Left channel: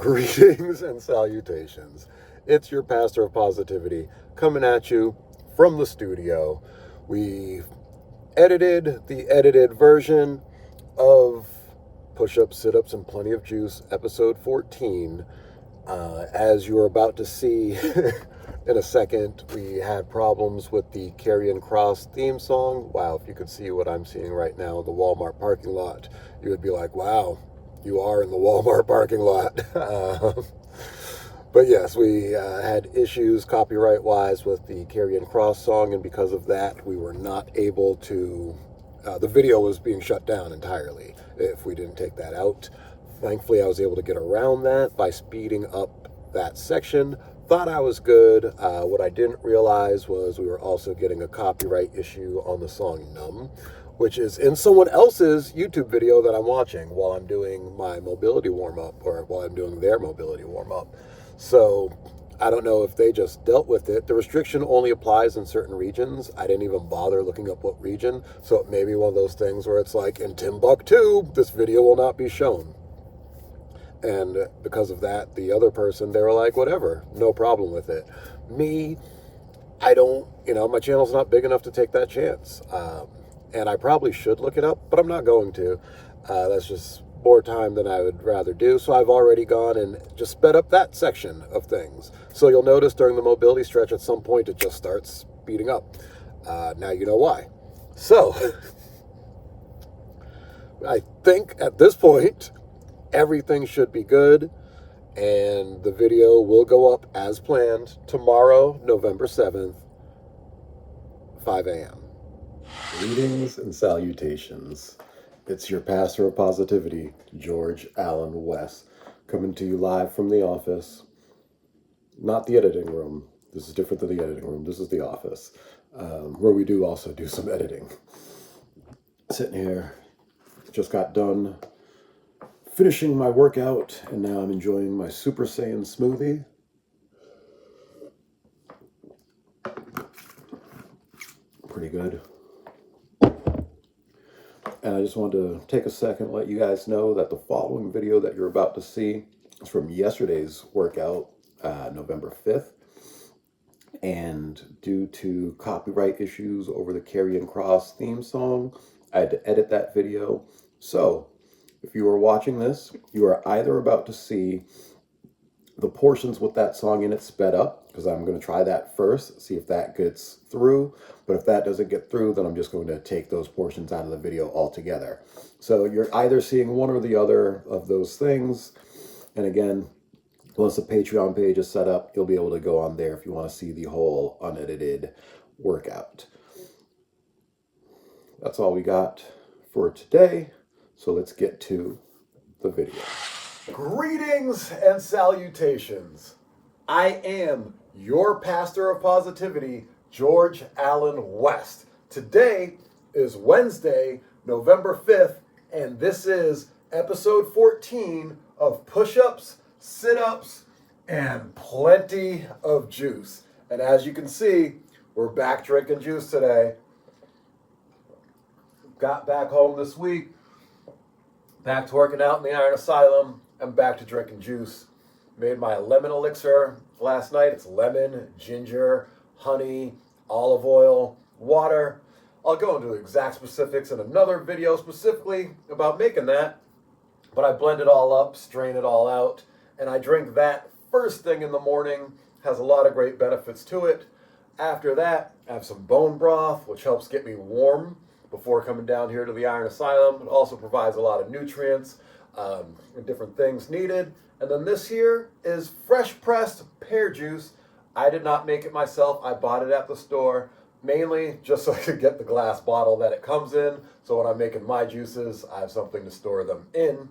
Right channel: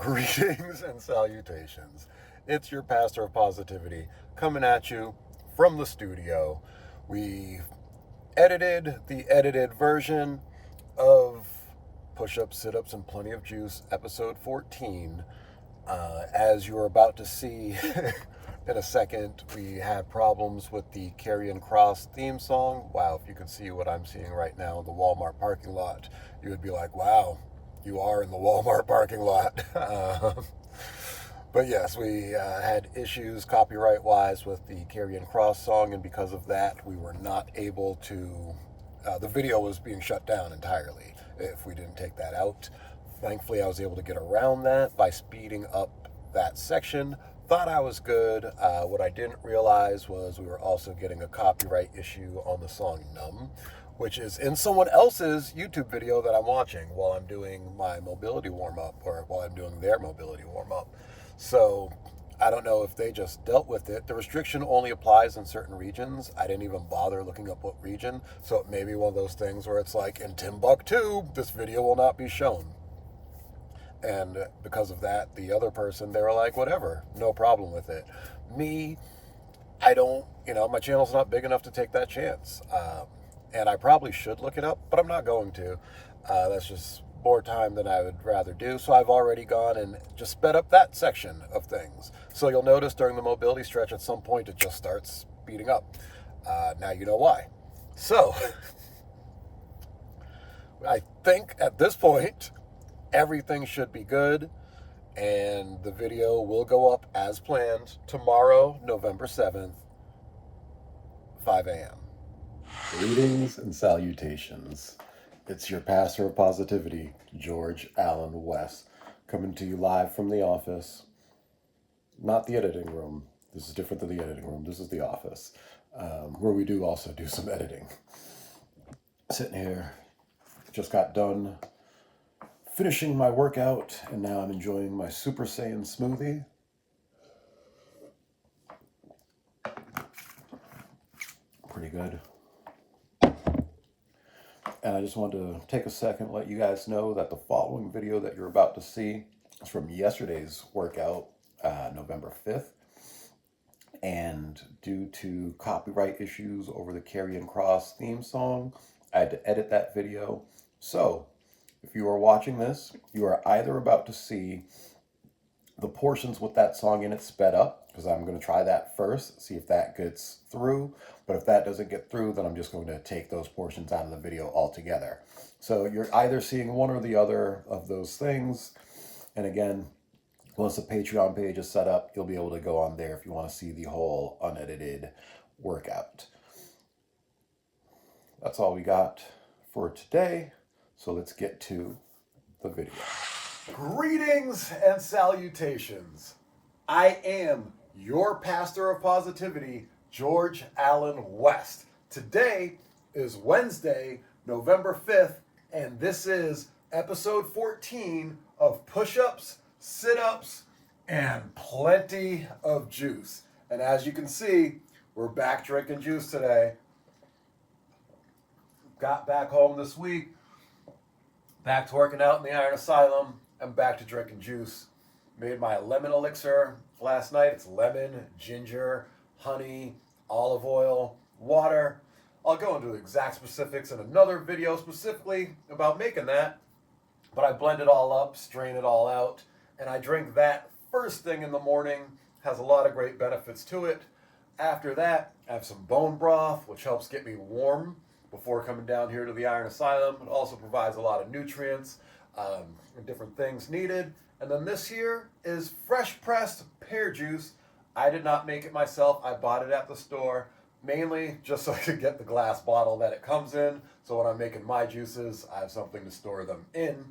Greetings and salutations. It's your pastor of positivity coming at you from the studio. We edited the edited version of Push-Ups, Sit-Ups, and Plenty of Juice, episode 14. As you're about to see in a second, we had problems with the Carrion Cross theme song. Wow, if you could see what I'm seeing right now, the Walmart parking lot, you would be like, wow, you are in the Walmart parking lot. But yes, we had issues copyright-wise with the Carrion Cross song, and because of that, we were not able to... the video was being shut down entirely if we didn't take that out. Thankfully, I was able to get around that by speeding up that section. Thought I was good. What I didn't realize was we were also getting a copyright issue on the song Numb, which is in someone else's YouTube video that I'm watching while I'm doing my mobility warm-up, or while I'm doing their mobility warm-up. So I don't know if they just dealt with it. The restriction only applies in certain regions. I didn't even bother looking up what region, so it may be one of those things where it's like, in Timbuktu, this video will not be shown. And because of that, the other person, they were like, whatever, no problem with it. Me, I don't, my channel's not big enough to take that chance. And I probably should look it up, but I'm not going to. That's just more time than I would rather do. So I've already gone and just sped up that section of things. So you'll notice during the mobility stretch at some point, it just starts speeding up. Now you know why. So I think at this point, everything should be good, and the video will go up as planned tomorrow, November 7th, 5 a.m. Greetings and salutations. It's your pastor of positivity, George Allen West, coming to you live from the office. Not the editing room. This is different than the editing room. This is the office, where we do also do some editing. Sitting here, just got done finishing my workout, and now I'm enjoying my Super Saiyan smoothie. Pretty good. And I just wanted to take a second to let you guys know that the following video that you're about to see is from yesterday's workout, November 5th. And due to copyright issues over the Carrion Cross theme song, I had to edit that video. So if you are watching this, you are either about to see the portions with that song in it sped up, because I'm going to try that first, see if that gets through. But if that doesn't get through, then I'm just going to take those portions out of the video altogether. So you're either seeing one or the other of those things. And again, once the Patreon page is set up, you'll be able to go on there if you want to see the whole unedited workout. That's all we got for today. So let's get to the video. Greetings and salutations. I am your pastor of positivity, George Allen West. Today is Wednesday, November 5th, and this is episode 14 of Push-Ups, Sit-Ups, and Plenty of Juice. And as you can see, we're back drinking juice today. Got back home this week, back to working out in the Iron Asylum, and back to drinking juice. Made my lemon elixir last night. It's lemon, ginger, honey, olive oil, water. I'll go into exact specifics in another video specifically about making that. But I blend it all up, strain it all out, and I drink that first thing in the morning. Has a lot of great benefits to it. After that, I have some bone broth, which helps get me warm before coming down here to the Iron Asylum. It also provides a lot of nutrients and different things needed. And then this here is fresh pressed pear juice. I did not make it myself. I bought it at the store, mainly just so I could get the glass bottle that it comes in. So when I'm making my juices, I have something to store them in.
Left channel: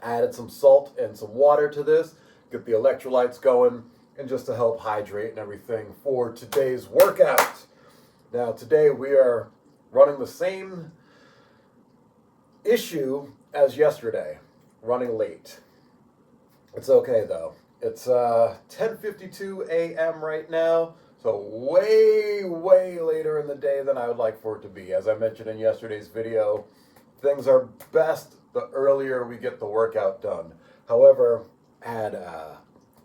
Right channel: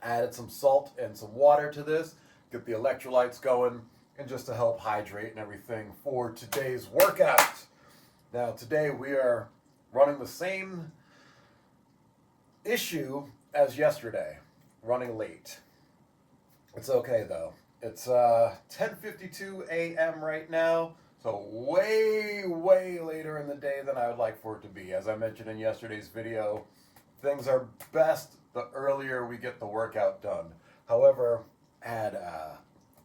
Added some salt and some water to this, get the electrolytes going, and just to help hydrate and everything for today's workout. Now today we are running the same issue as yesterday, running late. It's okay though. It's 10:52 a.m. right now, so way later in the day than I would like for it to be. As I mentioned in yesterday's video, things are best the earlier we get the workout done. However, Had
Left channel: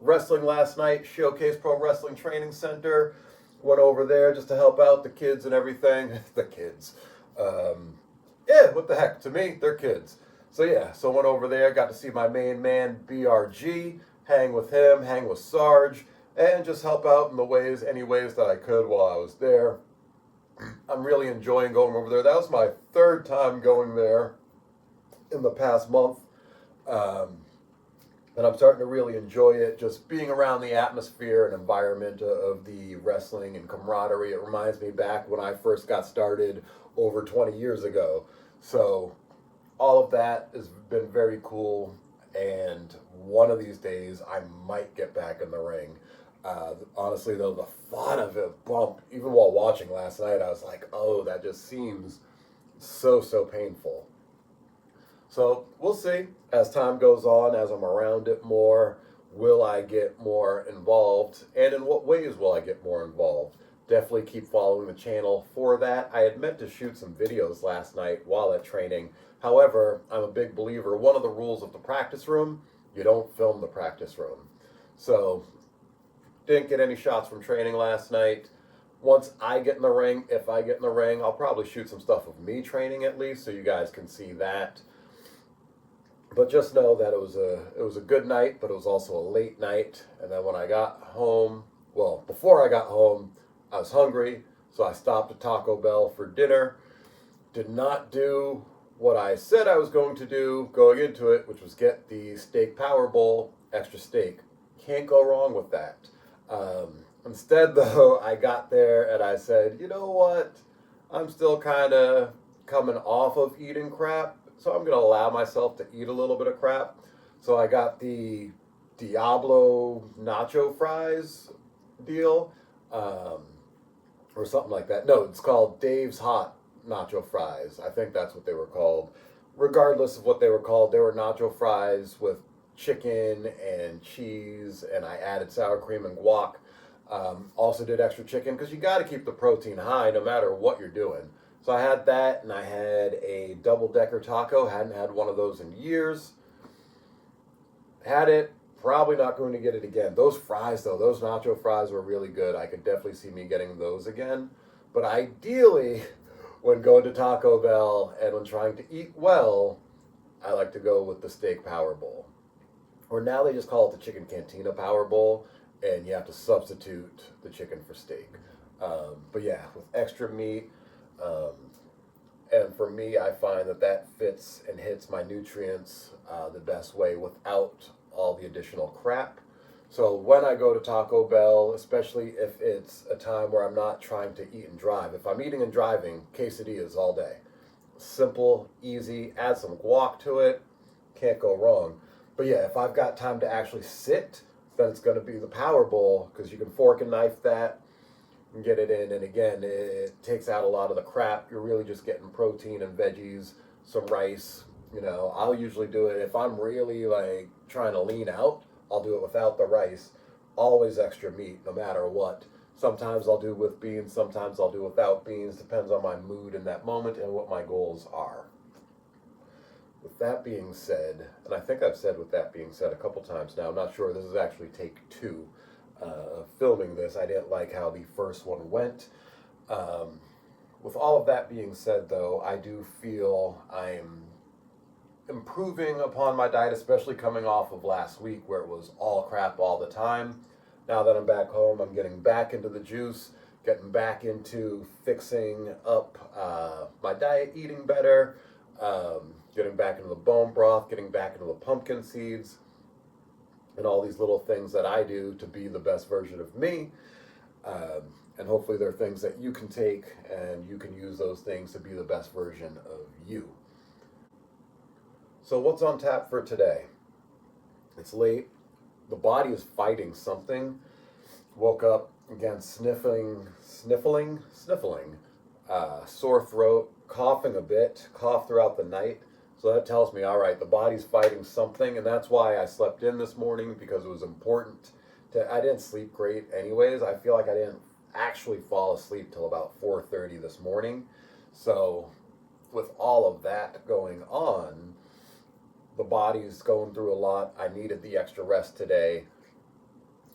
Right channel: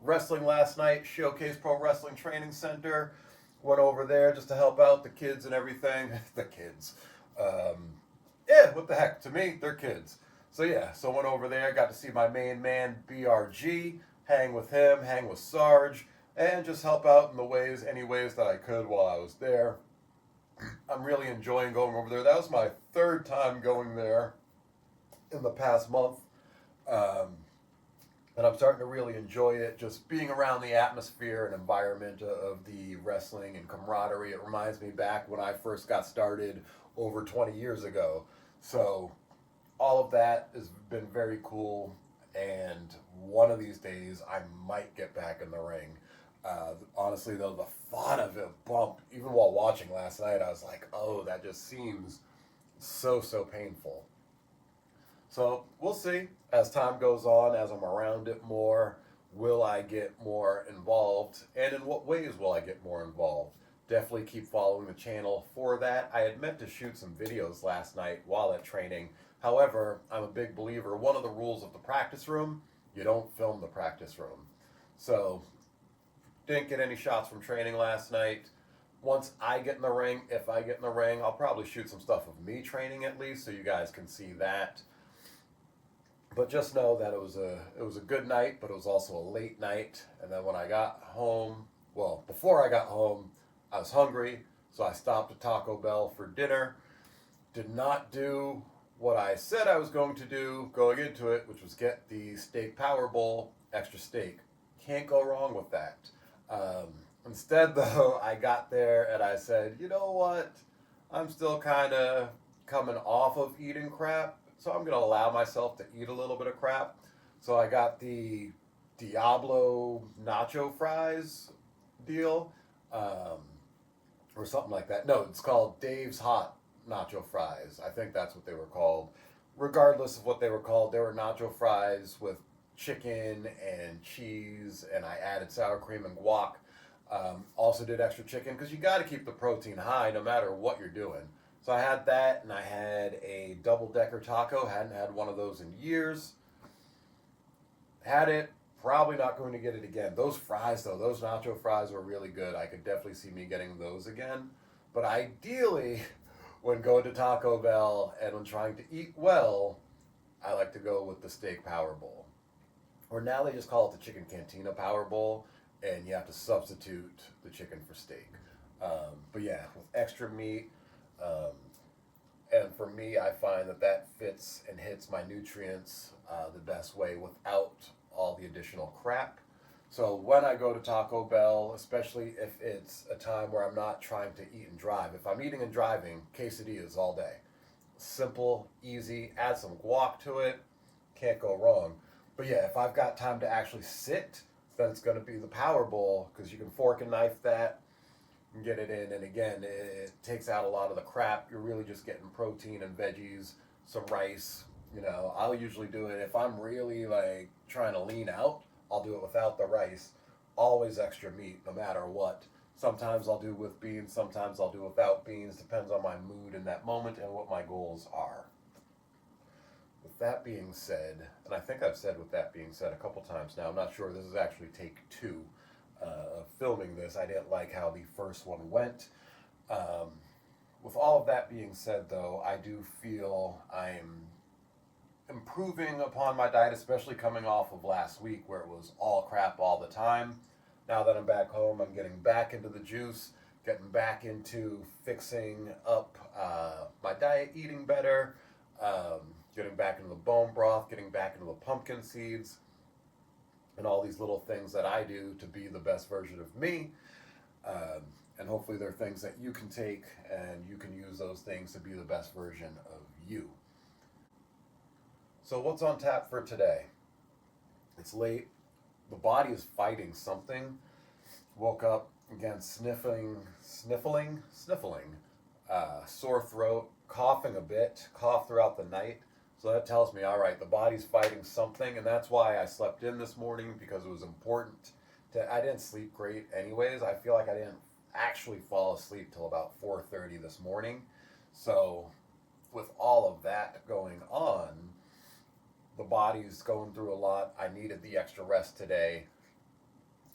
wrestling last night, Showcase Pro Wrestling Training Center. Went over there just to help out the kids and everything. The kids. Yeah, what the heck? To me, they're kids. So yeah, so went over there, got to see my main man, BRG, hang with him, hang with Sarge, and just help out in any ways that I could while I was there. I'm really enjoying going over there. That was my third time going there in the past month. And I'm starting to really enjoy it, just being around the atmosphere and environment of the wrestling and camaraderie. It reminds me back when I first got started over 20 years ago. So all of that has been very cool, and one of these days I might get back in the ring. Honestly, though, the thought of it bumped, even while watching last night, I was like, oh, that just seems so painful. So we'll see as time goes on, as I'm around it more, will I get more involved, and in what ways will I get more involved? Definitely keep following the channel for that. I had meant to shoot some videos last night while at training. However, I'm a big believer, one of the rules of the practice room, you don't film the practice room. So, didn't get any shots from training last night. Once I get in the ring, if I get in the ring, I'll probably shoot some stuff of me training at least, so you guys can see that. But just know that it was a good night, but it was also a late night. And then when I got home, well, before I got home, I was hungry, so I stopped at Taco Bell for dinner. Did not do what I said I was going to do going into it, which was get the steak power bowl, extra steak. Can't go wrong with that. Instead, though, I got there and I said, you know what? I'm still kind of coming off of eating crap, so I'm going to allow myself to eat a little bit of crap. So I got the Diablo nacho fries deal, or something like that. No, it's called Dave's Hot Nacho Fries. I think that's what they were called. Regardless of what they were called, they were nacho fries with chicken and cheese, and I added sour cream and guac. Also did extra chicken because you got to keep the protein high no matter what you're doing. So I had that, and I had a double-decker taco. Hadn't had one of those in years. Had it. Probably not going to get it again. Those fries, though, those nacho fries were really good. I could definitely see me getting those again. But ideally, when going to Taco Bell and when trying to eat well, I like to go with the steak power bowl. Or now they just call it the chicken cantina power bowl, and you have to substitute the chicken for steak. But yeah, with extra meat. And for me, I find that fits and hits my nutrients the best way without all the additional crap. So when I go to Taco Bell, especially if it's a time where I'm not trying to eat and drive, if I'm eating and driving, quesadillas all day. Simple, easy, add some guac to it, can't go wrong. But yeah, if I've got time to actually sit, then it's going to be the Power Bowl, because you can fork and knife that and get it in. And again, it takes out a lot of the crap. You're really just getting protein and veggies, some rice. You know, I'll usually do it if I'm really like trying to lean out. I'll do it without the rice. Always extra meat, no matter what. Sometimes I'll do with beans, sometimes I'll do without beans. Depends on my mood in that moment and what my goals are. With that being said, and I think I've said with that being said a couple times now, I'm not sure, this is actually take 2 of filming this. I didn't like how the first one went. With all of that being said, though, I do feel I'm improving upon my diet, especially coming off of last week where it was all crap all the time. Now that I'm back home, I'm getting back into the juice, getting back into fixing up my diet, eating better, getting back into the bone broth, getting back into the pumpkin seeds, and all these little things that I do to be the best version of me. And hopefully they're things that you can take and you can use those things to be the best version of you. So what's on tap for today? It's late. The body is fighting something. Woke up again sniffling, sore throat, coughing a bit, coughed throughout the night. So that tells me, all right, the body's fighting something, and that's why I slept in this morning, because it was important. I didn't sleep great anyways. I feel like I didn't actually fall asleep till about 4:30 this morning. So with all of that going on, The body's going through a lot. I needed the extra rest today.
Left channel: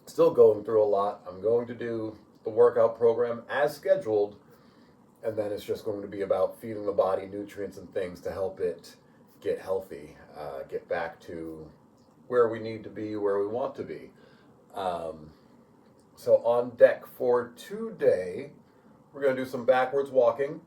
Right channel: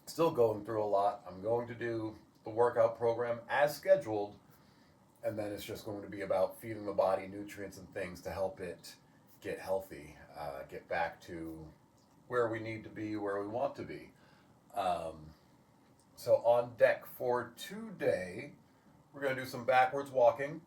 Still going through a lot. I'm going to do the workout program as scheduled, and then it's just going to be about feeding the body nutrients and things to help it get healthy, get back to where we need to be, where we want to be. So on deck for today, we're going to do some backwards walking,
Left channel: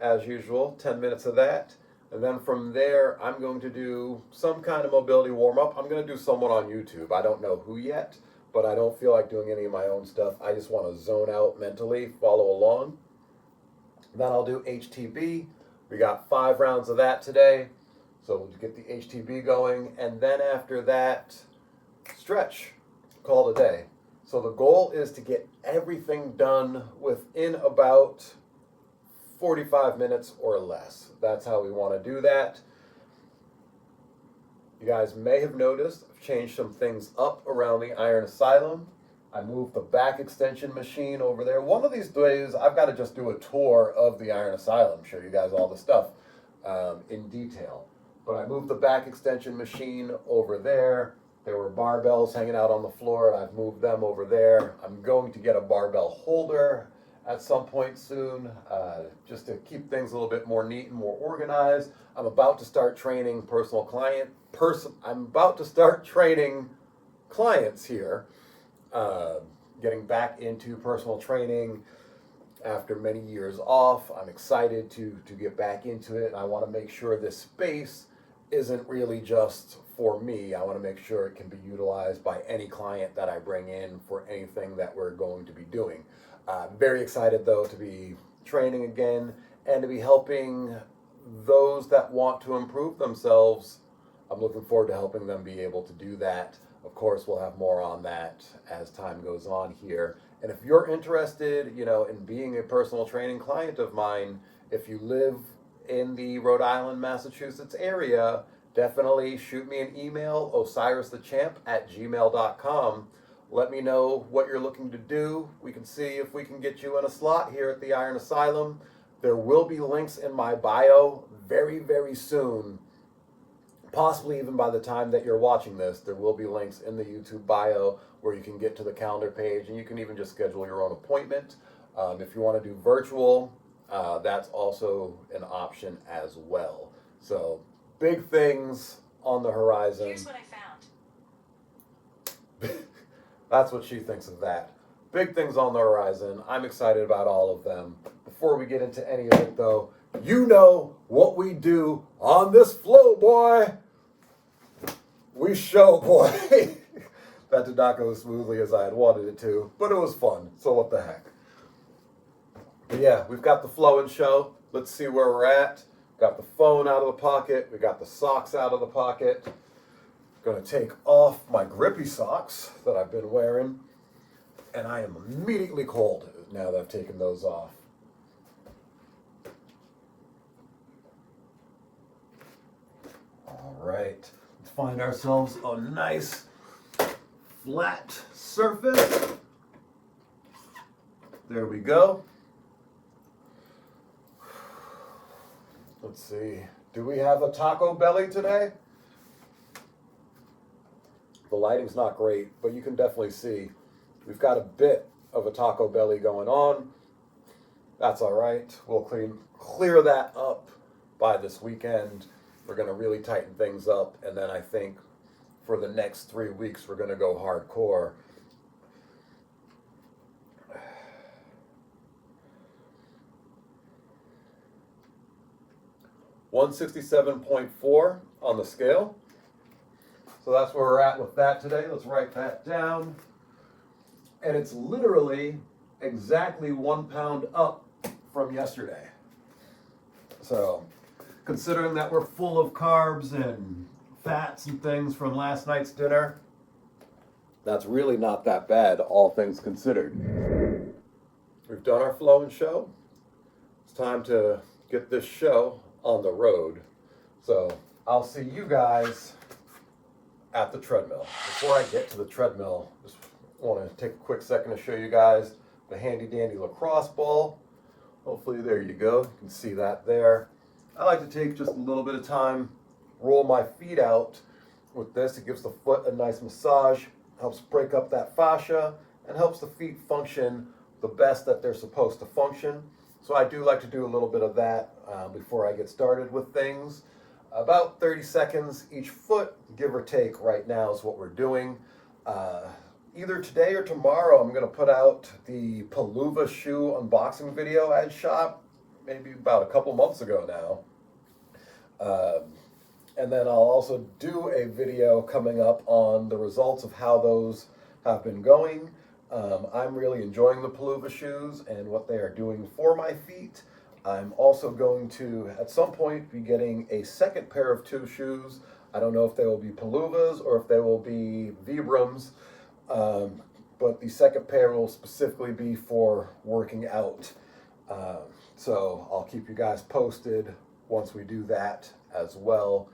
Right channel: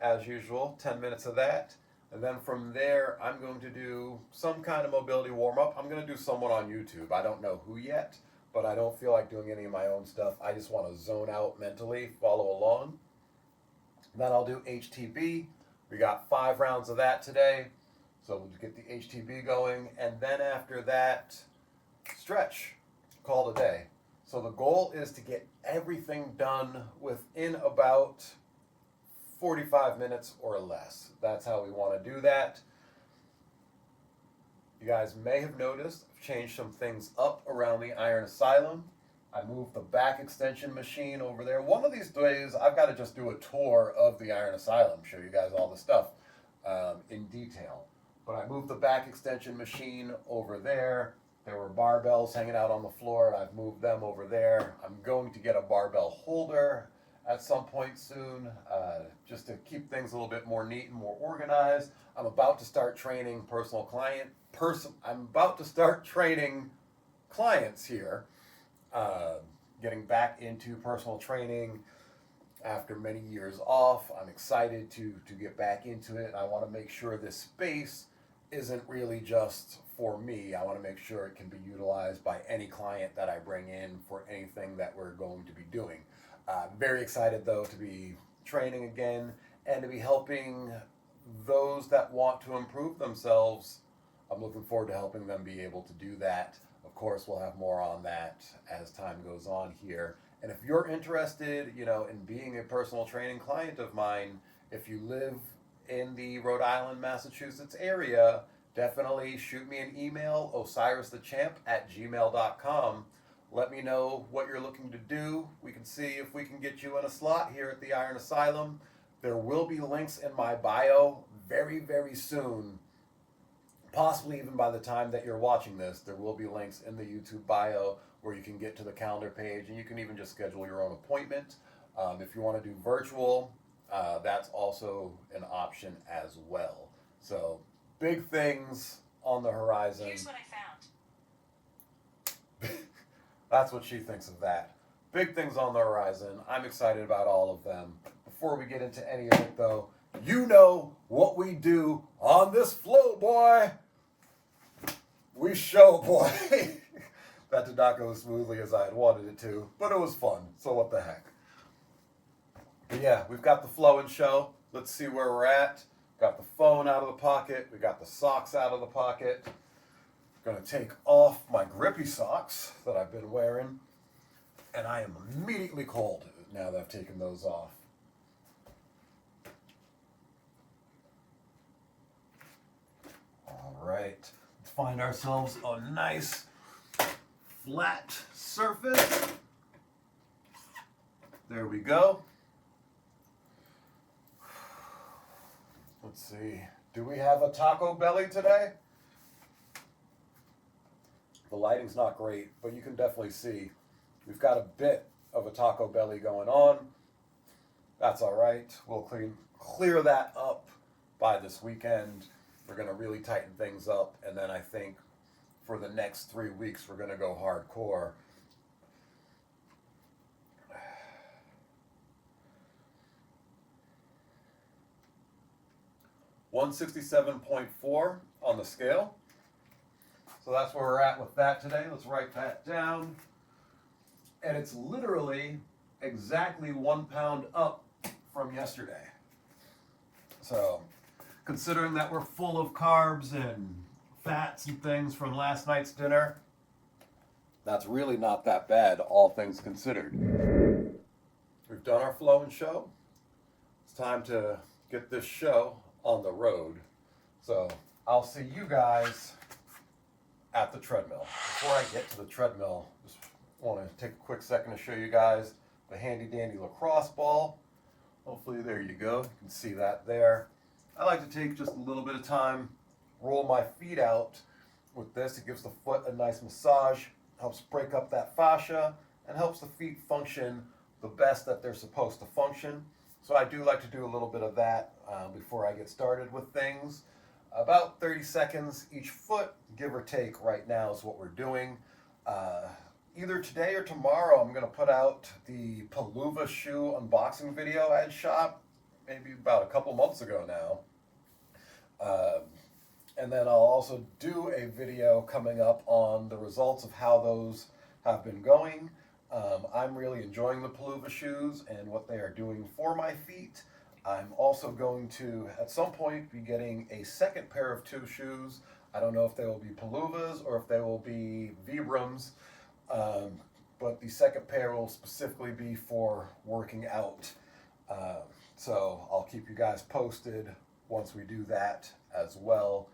as usual, 10 minutes of that. And then from there, I'm going to do some kind of mobility warm-up. I'm going to do someone on YouTube. I don't know who yet, but I don't feel like doing any of my own stuff. I just want to zone out mentally, follow along. Then I'll do HTB. We got 5 rounds of that today. So we'll get the HTB going. And then after that, stretch. Call it a day. So the goal is to get everything done within about 45 minutes or less. That's how we want to do that. You guys may have noticed I've changed some things up around the Iron Asylum. I moved the back extension machine over there. One of these days, I've got to just do a tour of the Iron Asylum, show you guys all the stuff in detail. But I moved the back extension machine over there. There were barbells hanging out on the floor, and I've moved them over there. I'm going to get a barbell holder at some point soon, just to keep things a little bit more neat and more organized. I'm about to start training I'm about to start training clients here, getting back into personal training after many years off. I'm excited to get back into it. I want to make sure this space isn't really just for me. I want to make sure it can be utilized by any client that I bring in for anything that we're going to be doing. Very excited though to be training again and to be helping those that want to improve themselves. I'm looking forward to helping them be able to do that. Of course, we'll have more on that as time goes on here. And if you're interested, in being a personal training client of mine, if you live in the Rhode Island, Massachusetts area, definitely shoot me an email, osiristhechamp@gmail.com. Let me know what you're looking to do. We can see if we can get you in a slot here at the Iron Asylum. There will be links in my bio very, very soon. Possibly even by the time that you're watching this, there will be links in the YouTube bio where you can get to the calendar page, and you can even just schedule your own appointment. If you want to do virtual, that's also an option as well. So big things on the horizon. Here's what I found. That's what she thinks of that. Big things on the horizon. I'm excited about all of them. Before we get into any of it though, you know what we do on this flow, boy. We show, boy. That did not go as smoothly as I had wanted it to, but it was fun, so what the heck. But yeah, we've got the flow and show. Let's see where we're at. Got the phone out of the pocket. We got the socks out of the pocket. Gonna take off my grippy socks that I've been wearing, and I am immediately cold now that I've taken those off. All right, let's find ourselves a nice flat surface. There we go. Let's see, do we have a taco belly today? The lighting's not great, but you can definitely see we've got a bit of a taco belly going on. That's all right. We'll clear that up by this weekend. We're going to really tighten things up, and then I think for the next 3 weeks we're going to go hardcore. $167.4 on the scale. So that's where we're at with that today. Let's write that down. And it's literally exactly 1 pound up from yesterday. So considering that we're full of carbs and fats and things from last night's dinner, that's really not that bad, all things considered. We've done our flow and show. It's time to get this show on the road. So I'll see you guys at the treadmill. Before I get to the treadmill, just want to take a quick second to show you guys the handy dandy lacrosse ball. Hopefully there you go. You can see that there. I like to take just a little bit of time roll my feet out with this. It gives the foot a nice massage, helps break up that fascia, and helps the feet function the best that they're supposed to function. So I do like to do a little bit of that before I get started with things. About 30 seconds each foot, give or take, right now is what we're doing. Either today or tomorrow, I'm going to put out the Palooza shoe unboxing video I had shot maybe about a couple months ago now. And then I'll also do a video coming up on the results of how those have been going. I'm really enjoying the Palooza shoes and what they are doing for my feet. I'm also going to, at some point, be getting a second pair of 2 shoes. I don't know if they will be Paloozas or if they will be Vibrams, but the second pair will specifically be for working out. So I'll keep you guys posted once we do that as well.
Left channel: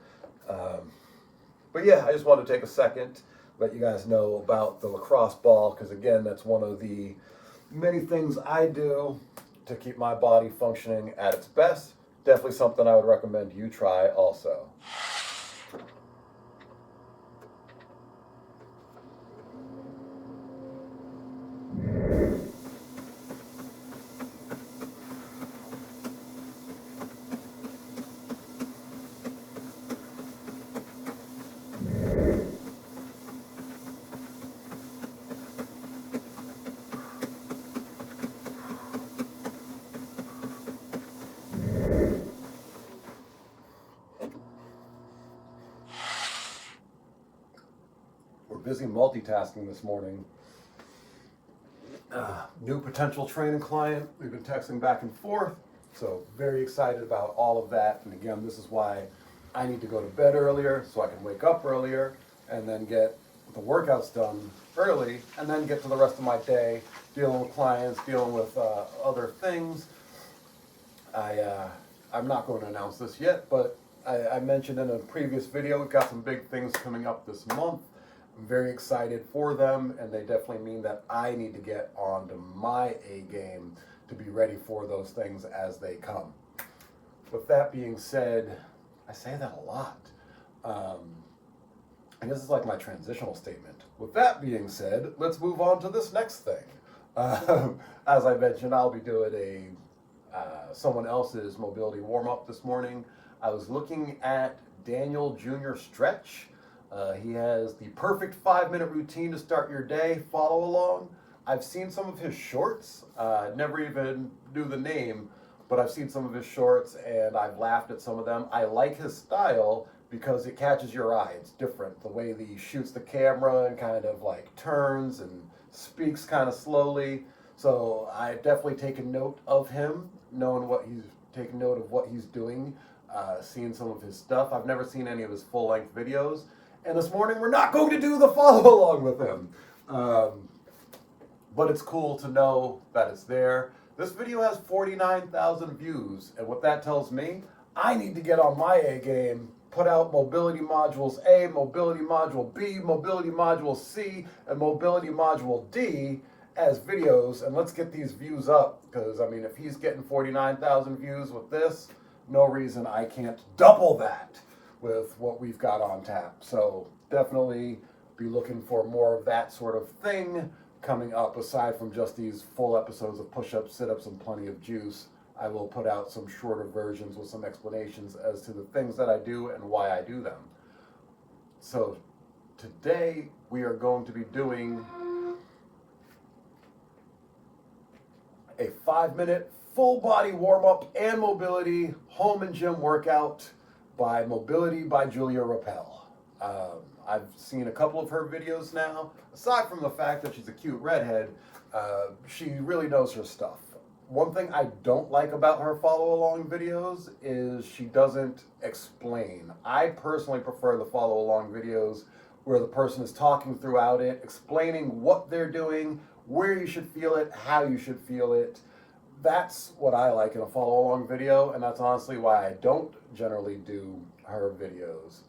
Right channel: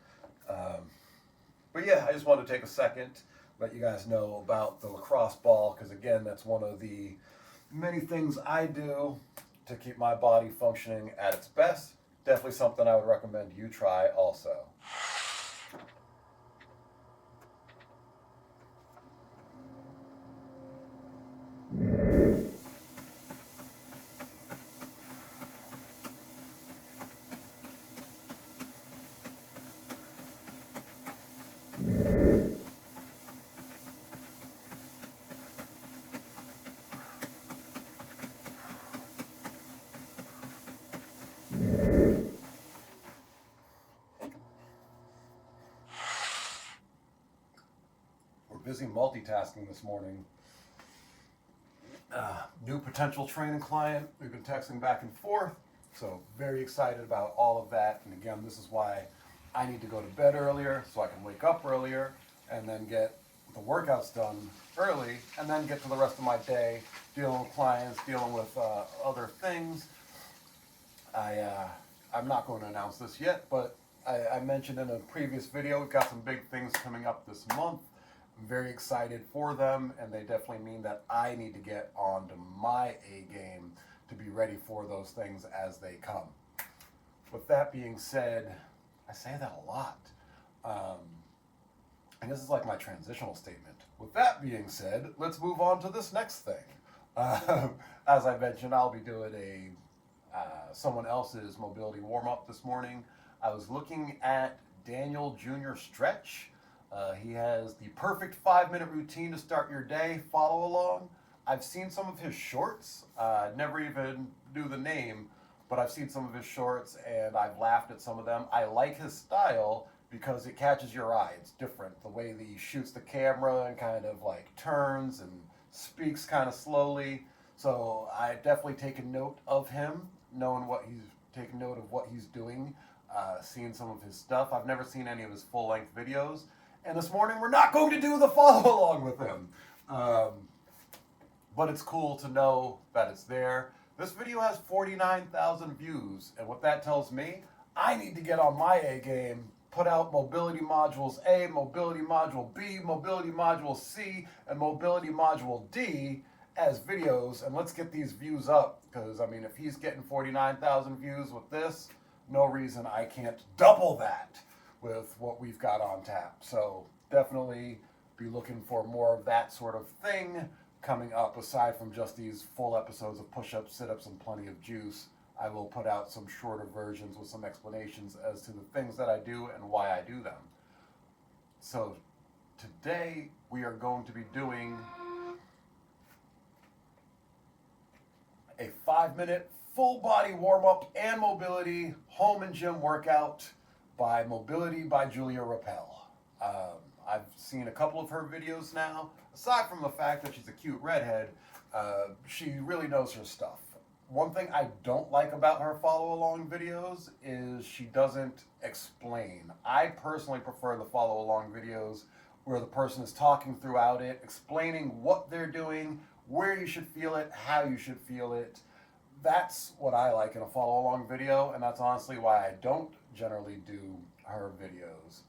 But yeah, I just wanted to take a second, let you guys know about the lacrosse ball, because again, that's one of the many things I do to keep my body functioning at its best. Definitely something I would recommend you try also. Busy multitasking this morning. New potential training client. We've been texting back and forth, so very excited about all of that. And again, this is why I need to go to bed earlier so I can wake up earlier and then get the workouts done early, and then get to the rest of my day dealing with clients, dealing with other things. I'm not going to announce this yet, but I mentioned in a previous video we've got some big things coming up this month. I'm very excited for them, and they definitely mean that I need to get onto my A game to be ready for those things as they come. With that being said, I say that a lot. And this is like my transitional statement. With that being said, let's move on to this next thing. As I mentioned, I'll be doing someone else's mobility warm-up this morning. I was looking at Daniel Jr. Stretch. He has the perfect 5-minute routine to start your day. Follow along. I've seen some of his shorts. Never even knew the name, but I've seen some of his shorts and I've laughed at some of them. I like his style because it catches your eye. It's different. The way that he shoots the camera and kind of like turns and speaks kind of slowly. So I've definitely taken note of him, knowing what he's taken note of what he's doing, seeing some of his stuff. I've never seen any of his full-length videos. And this morning, we're not going to do the follow along with him. But it's cool to know that it's there. This video has 49,000 views. And what that tells me, I need to get on my A game, put out mobility modules A, mobility module B, mobility module C, and mobility module D as videos. And let's get these views up. Because, I mean, if he's getting 49,000 views with this, no reason I can't double that with what we've got on tap. So definitely be looking for more of that sort of thing coming up, aside from just these full episodes of push-ups, sit-ups, and plenty of juice. I will put out some shorter versions with some explanations as to the things that I do and why I do them. So today we are going to be doing a 5-minute full body warm-up and mobility home and gym workout by Mobility by Julia Rappel. I've seen a couple of her videos now. Aside from the fact that she's a cute redhead, she really knows her stuff. One thing I don't like about her follow-along videos is she doesn't explain. I personally prefer the follow-along videos where the person is talking throughout it, explaining what they're doing, where you should feel it, how you should feel it. That's what I like in a follow-along video, and that's honestly why I don't generally do her videos.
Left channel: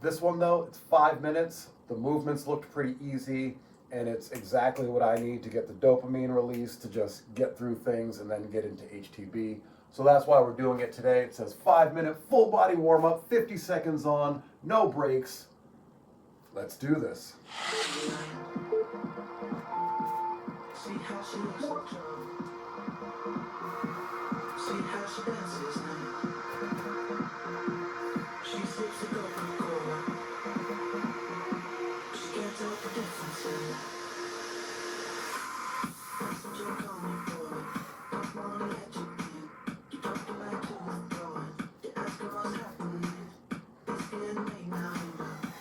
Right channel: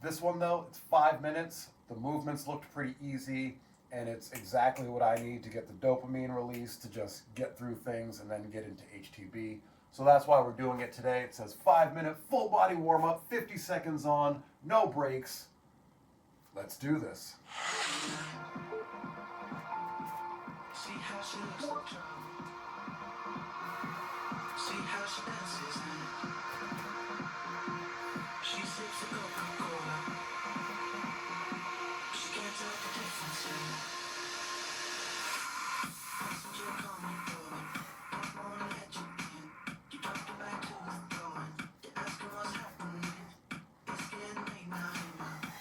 This one though, it's 5 minutes. The movements looked pretty easy, and it's exactly what I need to get the dopamine release to just get through things and then get into HTB. So that's why we're doing it today. It says 5-minute full body warm up, 50 seconds on, no breaks. Let's do this. See how she looks in trouble. See how she dances now. She sips the Coca-Cola. She can't tell the difference now. That's what you're coming for. That's more than that you can. You drop the light to the floor. You ask her what's happening. It's getting late now.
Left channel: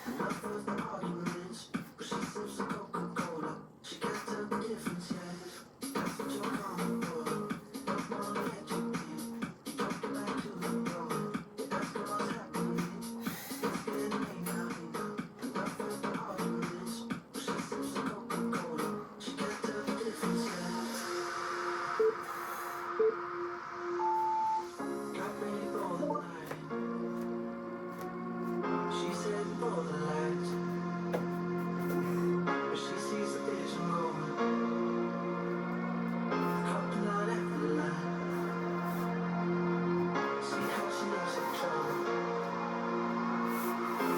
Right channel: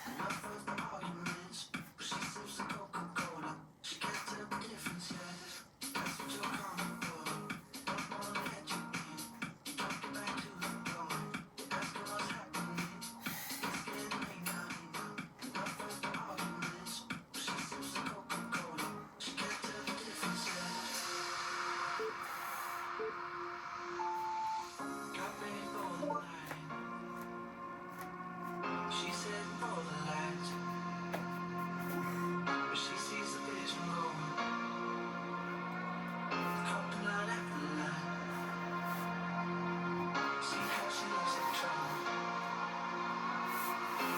Enough of the arguments. But she sips the Coca-Cola. She can't tell the difference yet. That's what you're coming for. That's more than that you can. You drop the light to the floor. You ask her what's happening. It's getting late now. Enough of the arguments. But she sips the Coca-Cola. She can't tell the difference yet. Got ready for the night. She said for the lights. But she sees the vision going. Cut the line after the line. See how she looks in trouble.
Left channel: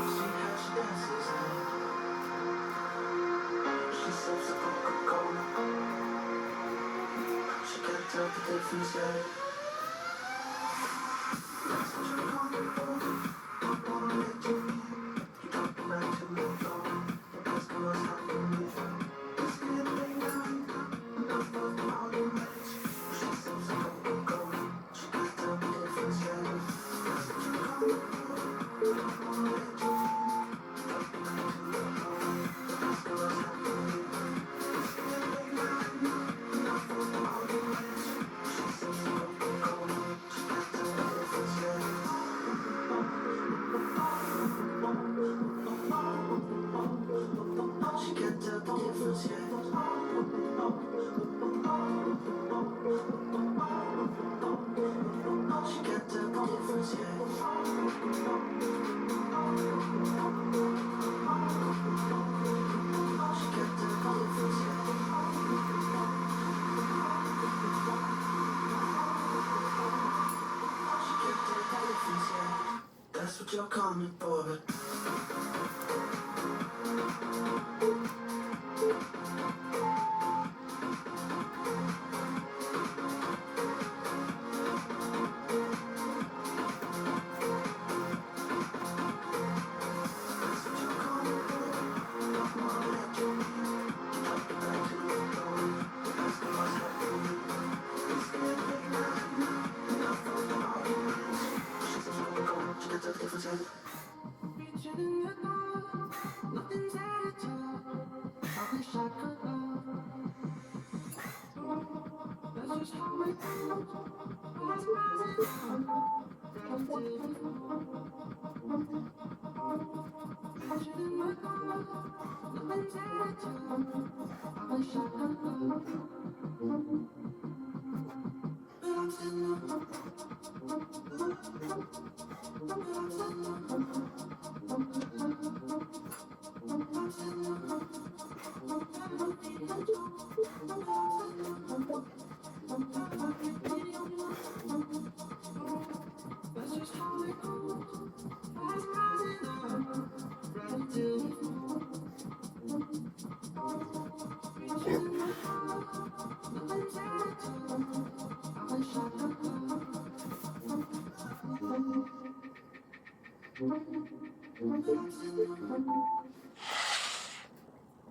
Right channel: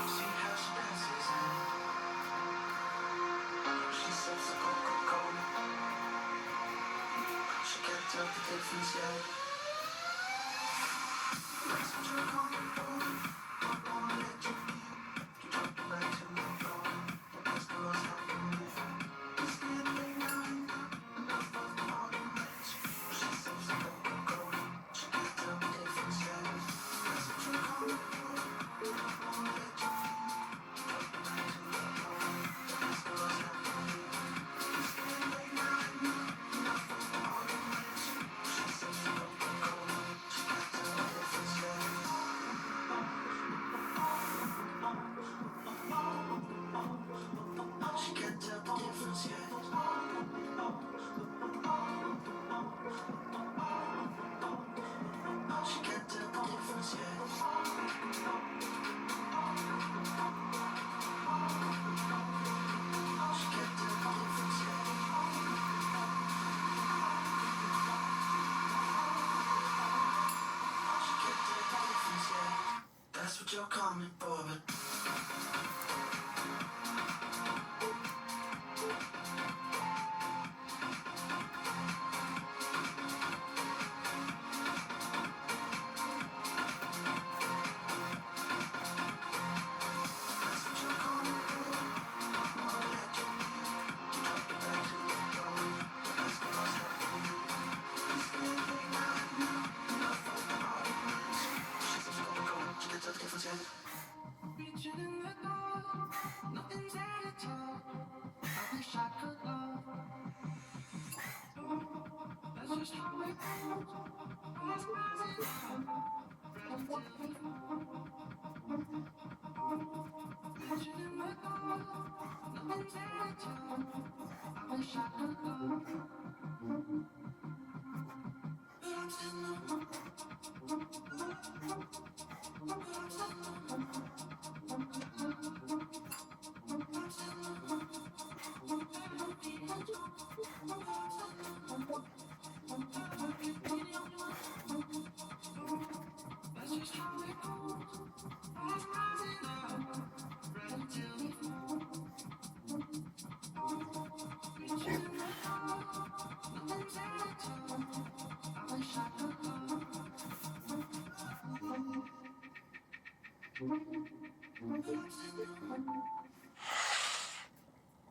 See how she dances now. She sips the Coca-Cola. She can't tell the difference yet. That's what you're coming for. Don't wanna let you in. You drop the light to the floor. You ask her what's happening. It's getting late now. Enough of the arguments. She sips the Coca-Cola. She can't tell the difference yet. That's what you're coming for. Don't wanna let you in. You drop the light to the floor. You ask her what's happening. It's getting late now. Enough of the arguments. She sips the Coca-Cola. She can't tell the difference yet. She can't tell the difference yet. She can't tell the difference yet. She can't tell the difference yet. She can't tell the difference yet. That's what you're coming for, but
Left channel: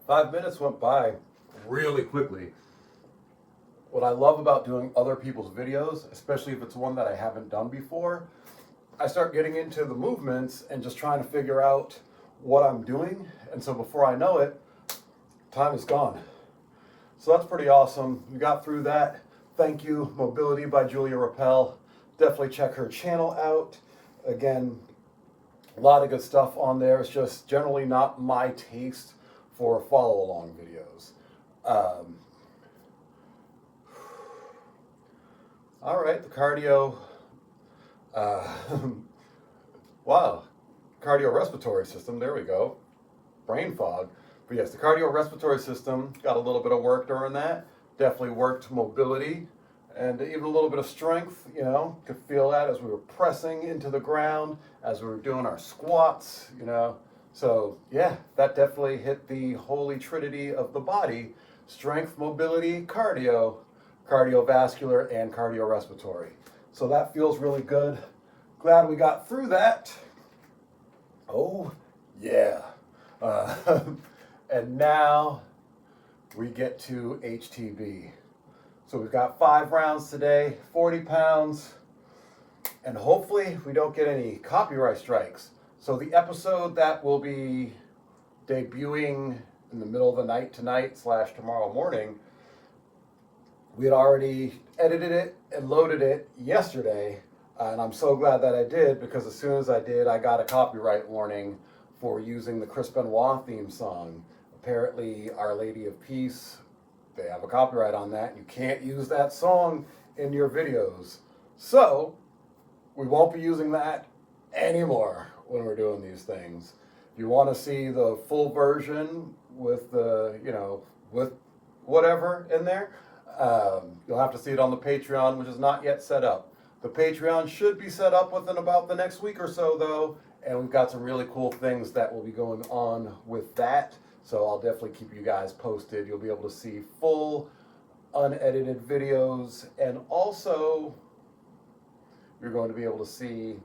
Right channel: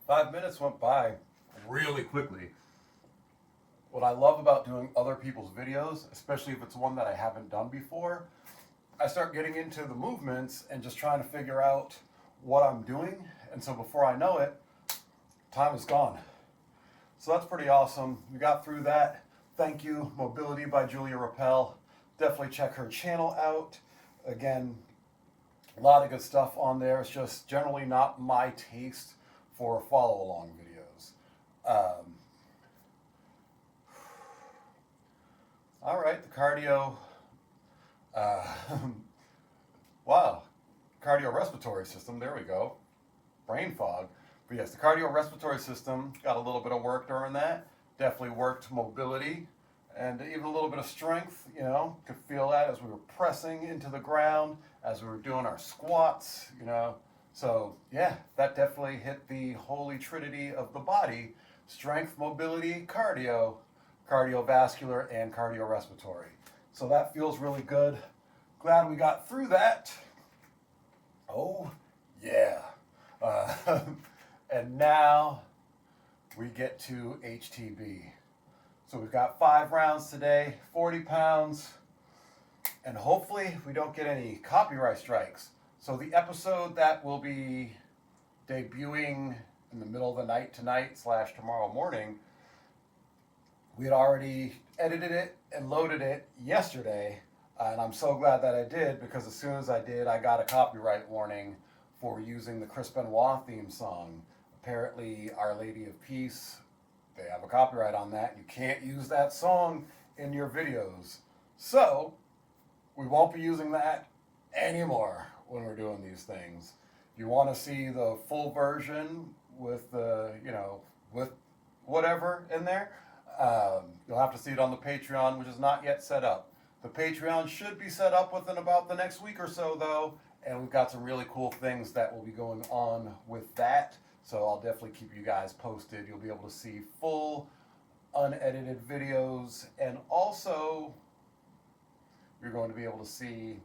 5 minutes went by really quickly. What I love about doing other people's videos, especially if it's one that I haven't done before, I start getting into the movements and just trying to figure out what I'm doing. And so before I know it, time is gone. So that's pretty awesome. We got through that. Thank you, Mobility by Julia Rappel. Definitely check her channel out. Again, a lot of good stuff on there. It's just generally not my taste for follow along videos. All right, the cardio, wow, cardiorespiratory system, there we go, brain fog. But yes, the cardiorespiratory system, got a little bit of work during that, definitely worked mobility. and even a little bit of strength, you know, could feel that as we were pressing into the ground, as we were doing our squats, you know. So yeah, that definitely hit the holy trinity of the body: strength, mobility, cardio, cardiovascular, and cardiorespiratory. So that feels really good. Glad we got through that. Oh, yeah. Uh, and now we get to HTB. So we've got 5 rounds today, 40 pounds, and hopefully we don't get any copyright strikes. So the episode that will be debuting in the middle of the night tonight / tomorrow morning, we had already edited it and loaded it yesterday, and I'm so glad that I did, because as soon as I did, I got a copyright warning for using the Chris Benoit theme song. Apparently, Our Lady of Peace, they have a copyright on that. You can't use that song in your videos. So, we won't be using that anymore when we're doing these things. If you want to see the full version with the, you know, with whatever in there, you'll have to see it on the Patreon, which is not yet set up. The Patreon should be set up within about the next week or so, though, and we've got some really cool things that will be going on with that. So I'll definitely keep you guys posted. You'll be able to see full, unedited videos, and also you're going to be able to see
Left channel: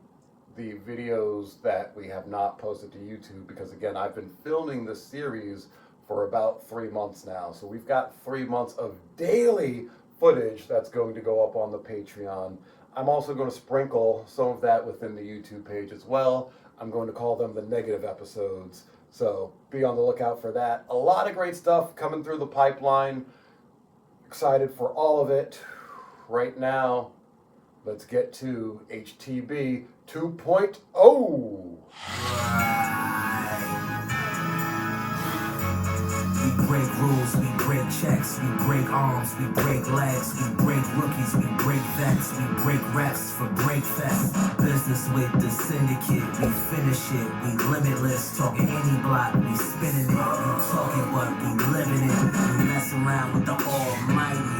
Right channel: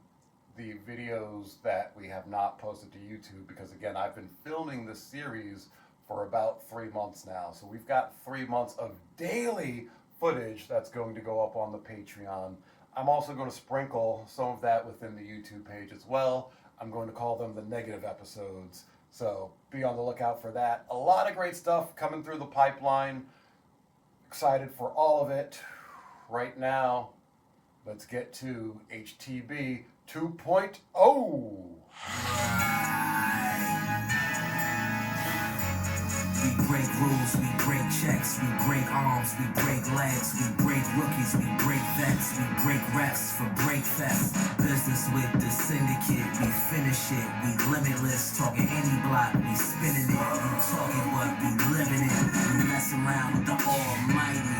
the videos that we have not posted to YouTube, because again, I've been filming this series for about 3 months now. So we've got 3 months of daily footage that's going to go up on the Patreon. I'm also going to sprinkle some of that within the YouTube page as well. I'm going to call them the negative episodes. So be on the lookout for that. A lot of great stuff coming through the pipeline. Excited for all of it. Right now, let's get to HTB 2.0. We break rules, we break checks, we break arms, we break legs, we break rookies, we break vets, we break reps for breakfast. Business with the syndicate, we finish it, we limitless, talking any block, we spinning it, you talking but we living it, we mess around with the almighty.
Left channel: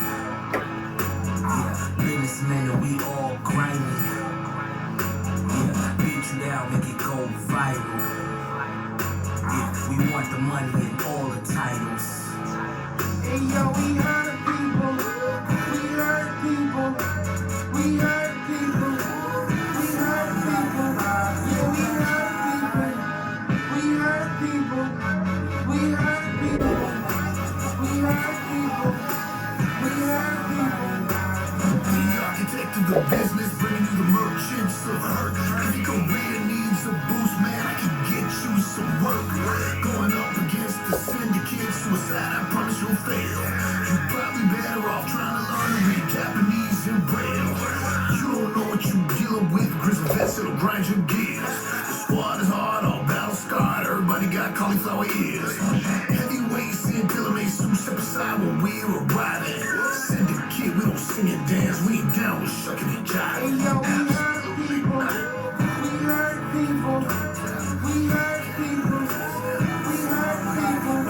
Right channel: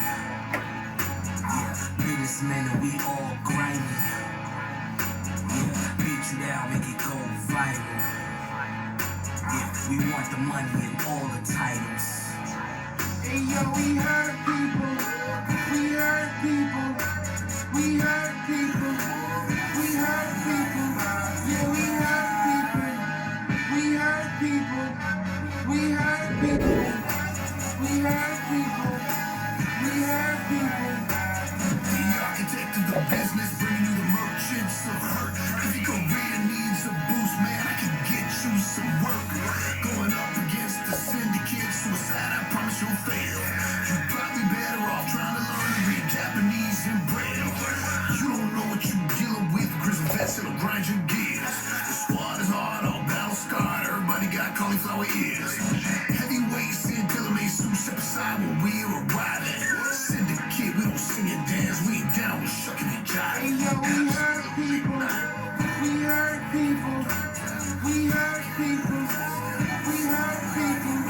Yeah, businessmen and we all grimy. Yeah, beat you down, make it go viral. We want the money and all the titles. Hey yo, we hurt people. We hurt people. We hurt people. We hurt people. Yeah, we hurt people. We hurt people. We hurt people. We hurt people. We hurt people. The architect of the business, bringing you the merchants of hurt. If your career needs a boost, man, I can get you some work. Going up against the syndicate, suicide, I promise you'll fail. You're probably better off trying to learn to read Japanese and Braille. You don't know what you're dealing with, grizzly vets that'll grind your gears. The squad is hard, all battle scarred, everybody got cauliflower ears. Heavyweights and Dillamay suits step aside when we're arriving. Syndicate, we don't sing and dance, we ain't down with shucking and jiving. Hey yo, we hurt people. We hurt people. We hurt people. We hurt people.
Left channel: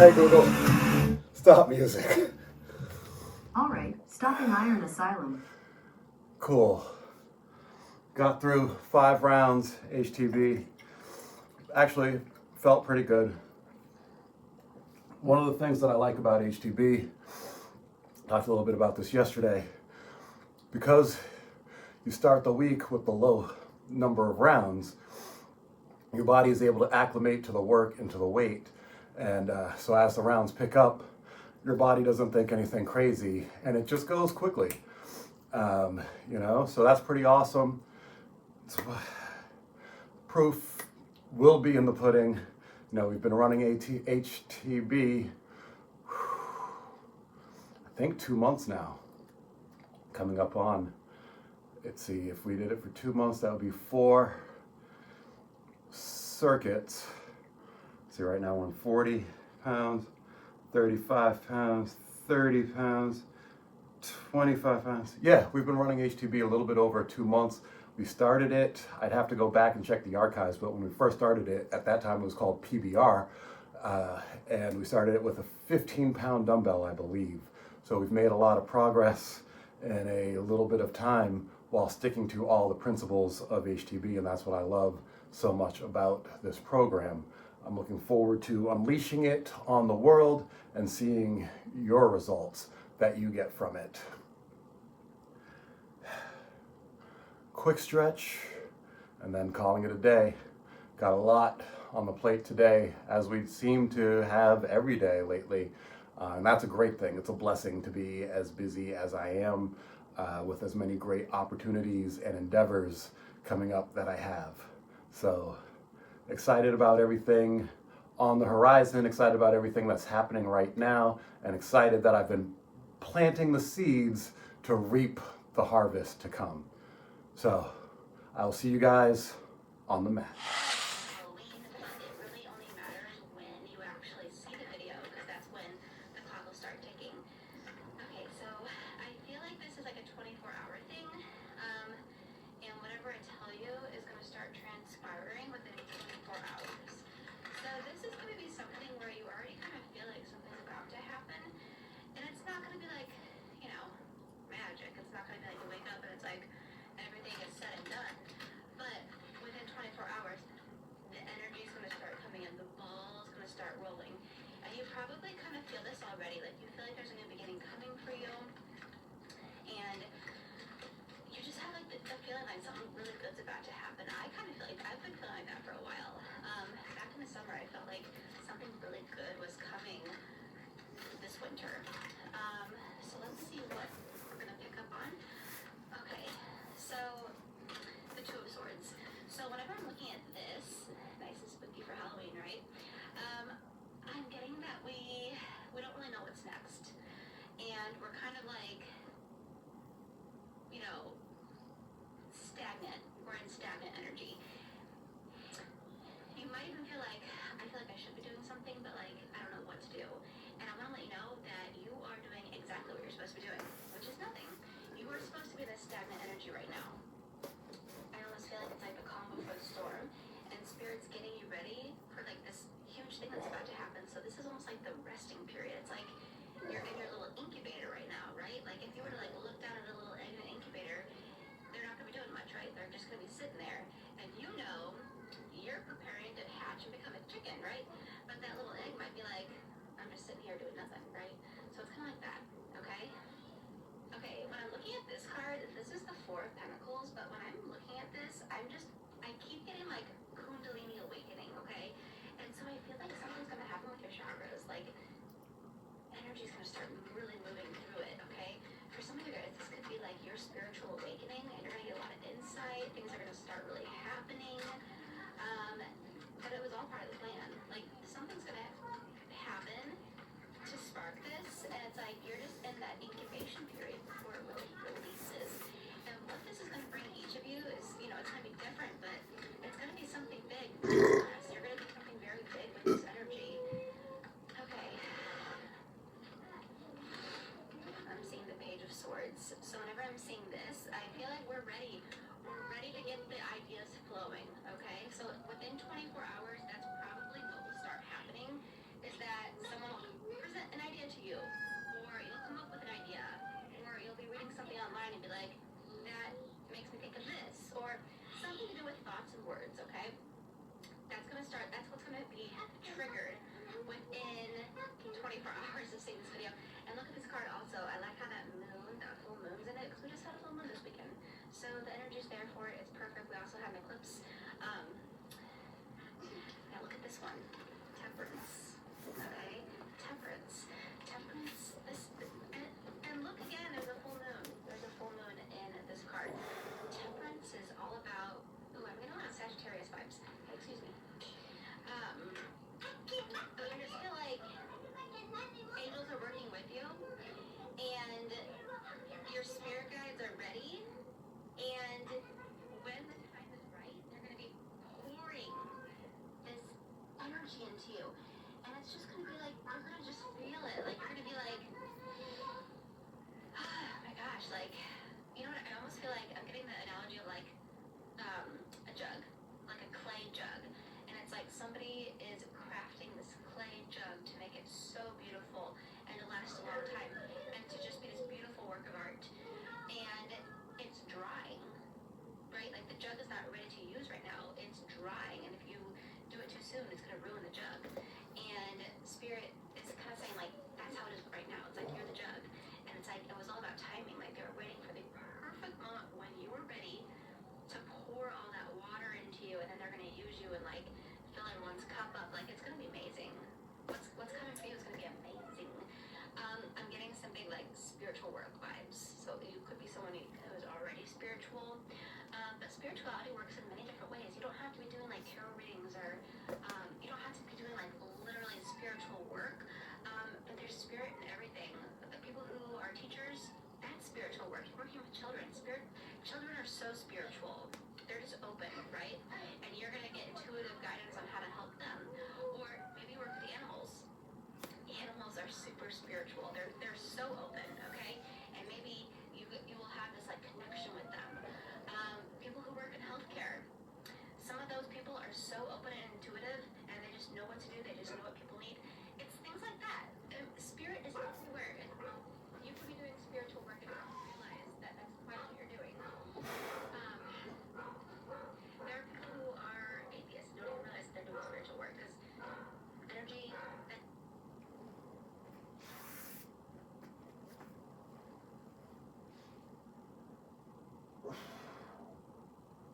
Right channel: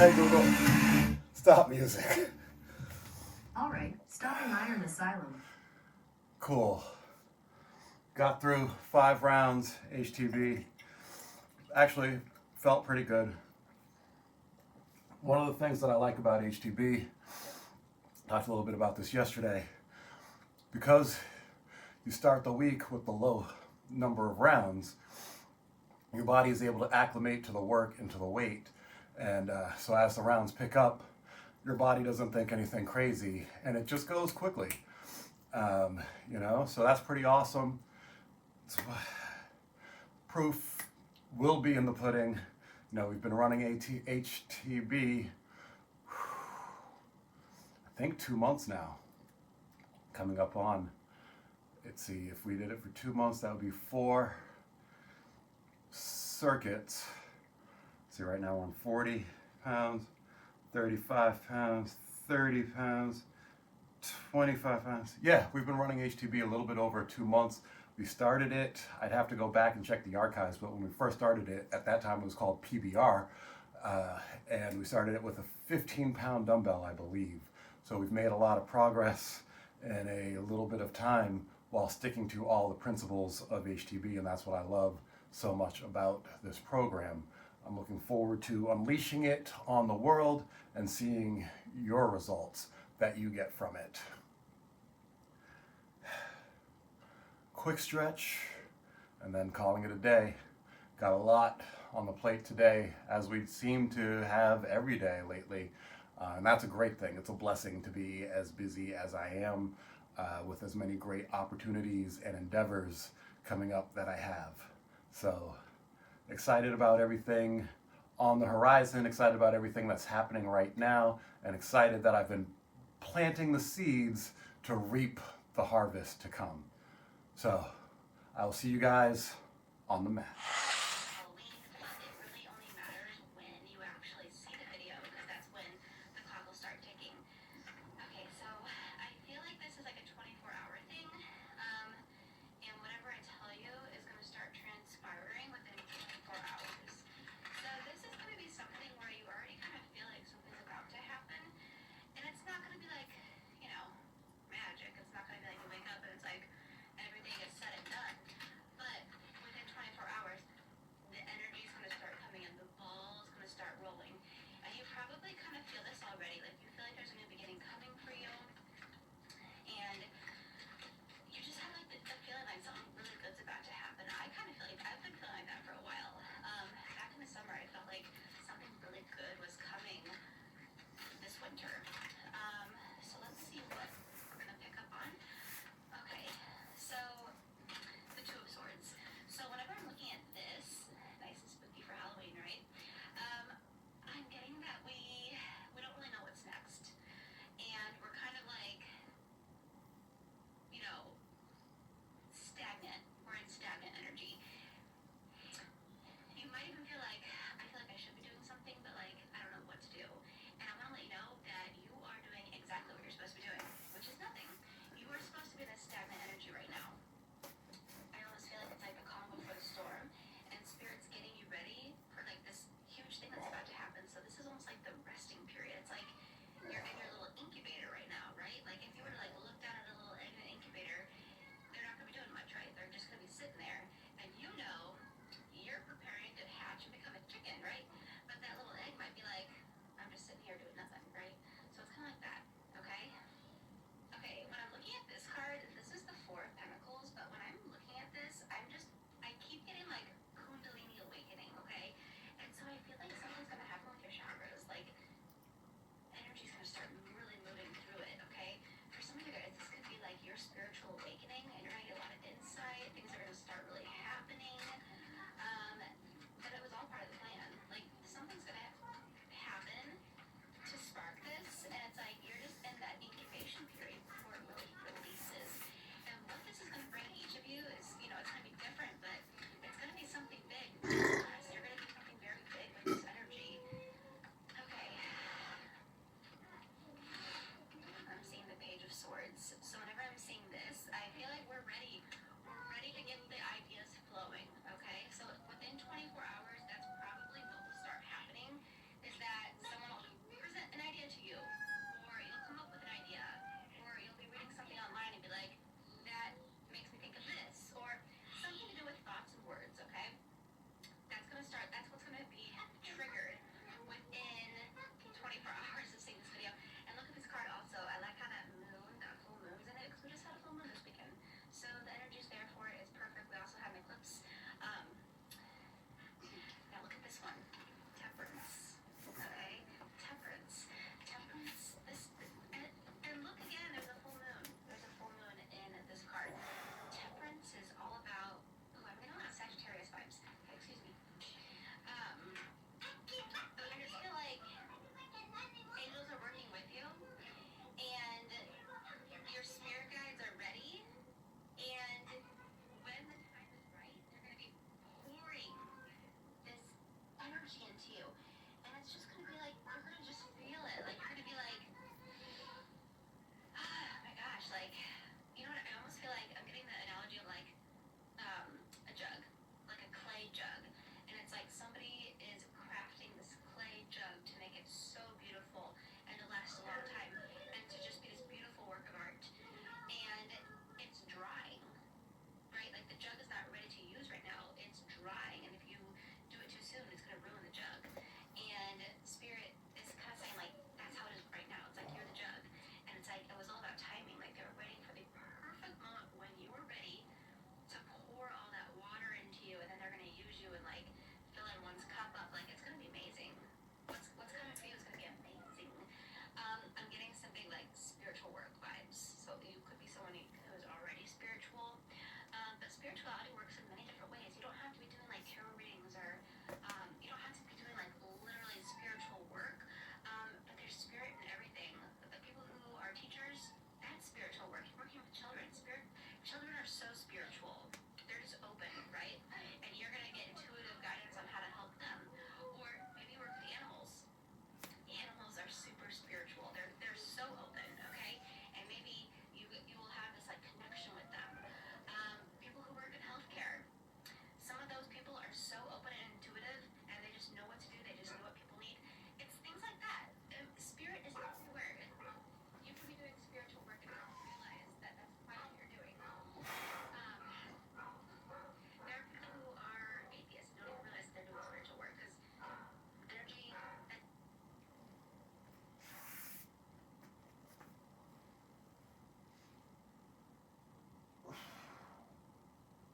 Hey Google, stop music. All right, stopping Iron Asylum. Cool. Got through 5 rounds HTB. Actually felt pretty good. One of the things that I like about HTB, talked a little bit about this yesterday, because you start the week with the low number of rounds, your body is able to acclimate to the work and to the weight. And so as the rounds pick up, your body doesn't think anything crazy and it just goes quickly. So that's pretty awesome. Proof will be in the pudding. We've been running HTB, I think 2 months now, coming up on, let's see, if we did it for 2 months, that would be 4 circuits. See, right now we're on 40 pounds, 35 pounds, 30 pounds, 25 pounds. Yeah, we've been running HTB a little bit over 2 months. We started it, I'd have to go back and check the archives, but when we first started it, at that time it was called PBR, and we started it with a 15-pound dumbbell, I believe. So we've made a lot of progress in a little bit of time while sticking to all the principles of HTB, and that's what I love so much about this program. I'm looking forward to unleashing it on the world and seeing your results that you get from it. Quick stretch and then calling it a day. Got a lot on the plate today, as we seem to have every day lately, and that's a great thing. It's a blessing to be as busy as I am, with as many great opportunities and endeavors coming up that I have. So excited about everything on the horizon, excited about everything that's happening right now, and excited that I've been planting the seeds to reap the harvest to come. So I will see you guys on the mat. It really only matters when you actually see the video, because that's when the clock will start ticking. Okay, so I feel like this is like a 24-hour thing, and whatever I tell you is going to start transpiring within 24 hours. So this is going to be something where you already kind of feel like something's about to happen, and it's not going to be like, magic. It's not going to be like you wake up and it's like everything is said and done. But within 24 hours,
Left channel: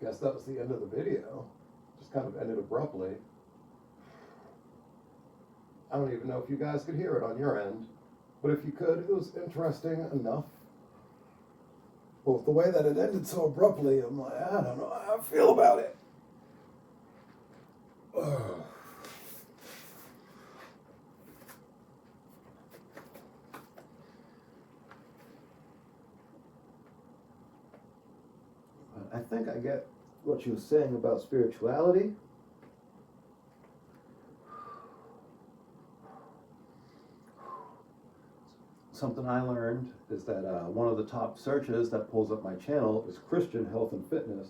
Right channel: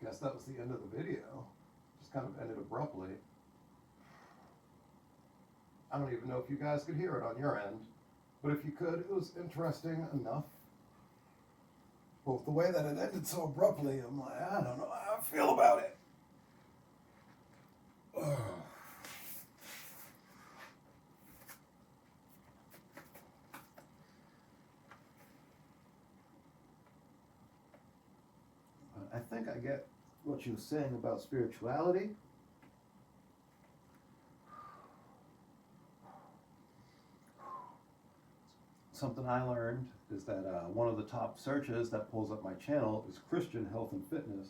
guess that was the end of the video. Just kind of ended abruptly. I don't even know if you guys could hear it on your end, but if you could, it was interesting enough. Well, the way that it ended so abruptly, I'm like, I don't know how I feel about it. I think I get what you were saying about spirituality. Something I learned is that one of the top searches that pulls up my channel is Christian health and fitness.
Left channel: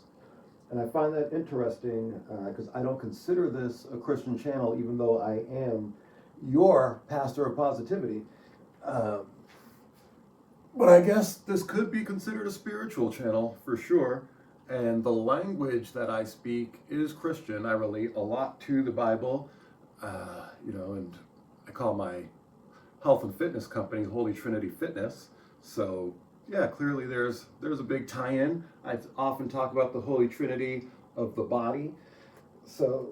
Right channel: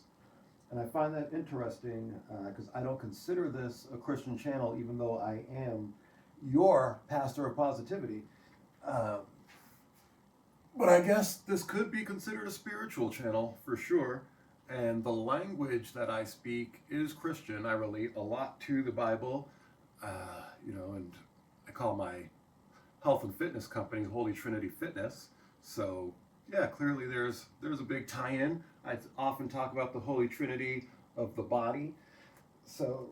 And I find that interesting because I don't consider this a Christian channel, even though I am your pastor of positivity. But I guess this could be considered a spiritual channel for sure. And the language that I speak is Christian. I relate a lot to the Bible, and I call my health and fitness company Holy Trinity Fitness. So yeah, clearly there's a big tie-in. I often talk about the Holy Trinity of the body. So,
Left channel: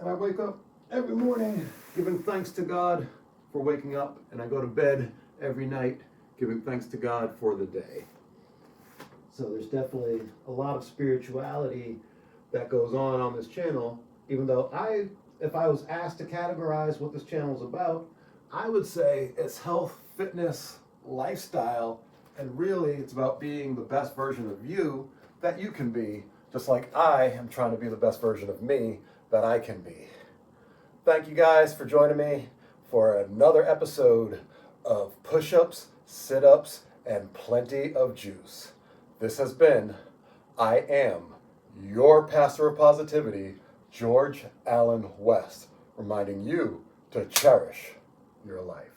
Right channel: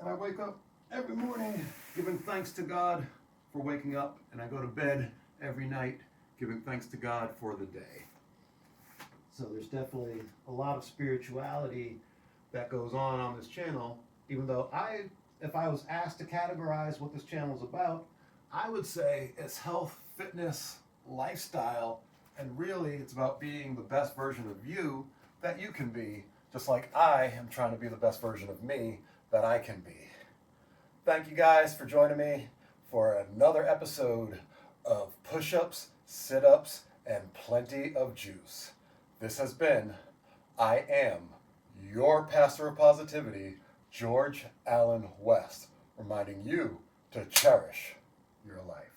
and I wake up every morning giving thanks to God for waking up, and I go to bed every night giving thanks to God for the day. So there's definitely a lot of spirituality that goes on this channel, even though if I was asked to categorize what this channel is about, I would say it's health, fitness, lifestyle, and really it's about being the best version of you that you can be, just like I am trying to be the best version of me that I can be. Thank you guys for joining me for another episode of Push-Ups, Sit-Ups, and Plenty of Juice. This has been, I am your pastor of positivity, George Allen West, reminding you to cherish your life.